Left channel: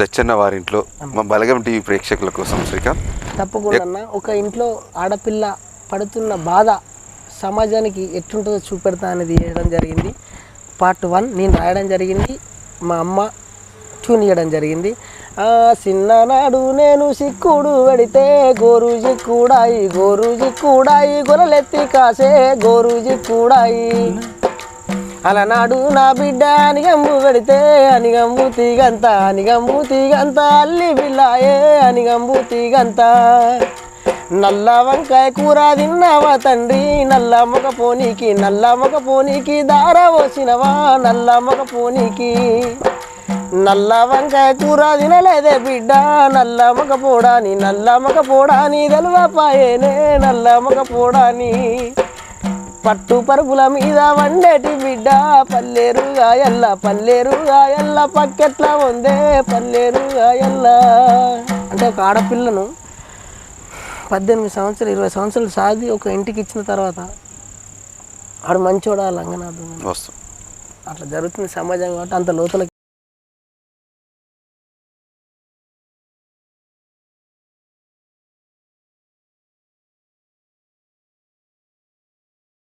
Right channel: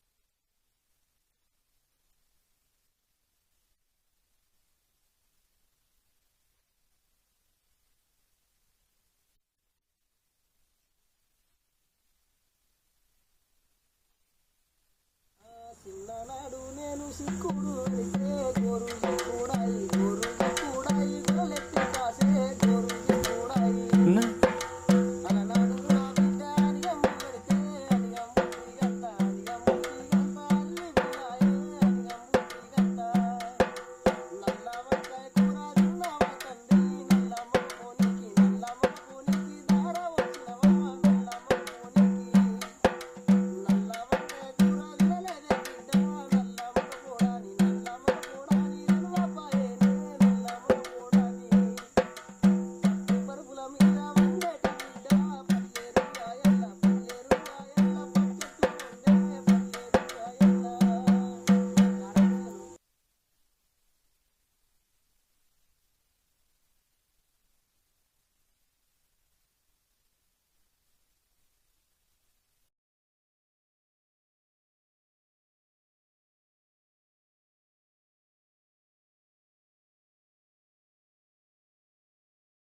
దచ్చన్న వారింట్లో మా బలగం టీవీ ప్రేక్షకుల కోసం శ్రీకాంత్ తప్పకుండా ఒక ఇంట్లో ఆడపిల్ల పడుతున్న బాధ సమాజానికి ఎట్లుంటుందో చూపెడతా అనేది చేయడం జరిగింది. పార్ట్ 1 నేను రాయడం జరిగింది, మా అమ్మ ట్యూన్ చేయడం జరిగింది. చిన్ననాడు నేను సిక్కుడు పెడితే గోరుజి కూడాయి గొర్రెలెత్తి కాసే గోరుజి కూడాయి. అలనాడు నా బిడ్డ అనిగంబు పెడితే అనిగంబు తీగంత అల్లి బిల్లాయే అనిగంబు తీగంత. నల్ల వంకాయ కూర తిన్నావా తండ్రి, నల్ల మొగ పోనీకి దార పోసినవా నల్ల మొగ పోనీకి. నల్ల వంకాయ కూర తినలేదే బిడ్డ, నల్ల మొగ పోడాని తెలవపాయేనే నల్ల మొగ పోడాని. పట్టు పరుపుల మీద వండేటి బిడ్డ పల్లేరుగాయల్ల పక్కెట్లా ఉందే పల్లేరుగాయల్ల. అంటే ఒక ఆడపిల్లను 18 సంవత్సరాలు 20 సంవత్సరాలు సాగి ఒక ఇంటికి ఇచ్చిన తర్వాత ఆడు మంచోడా లంగనాథం అట్లా జరుగుతుంది సమాజం కాబట్టి అంత లోతులకి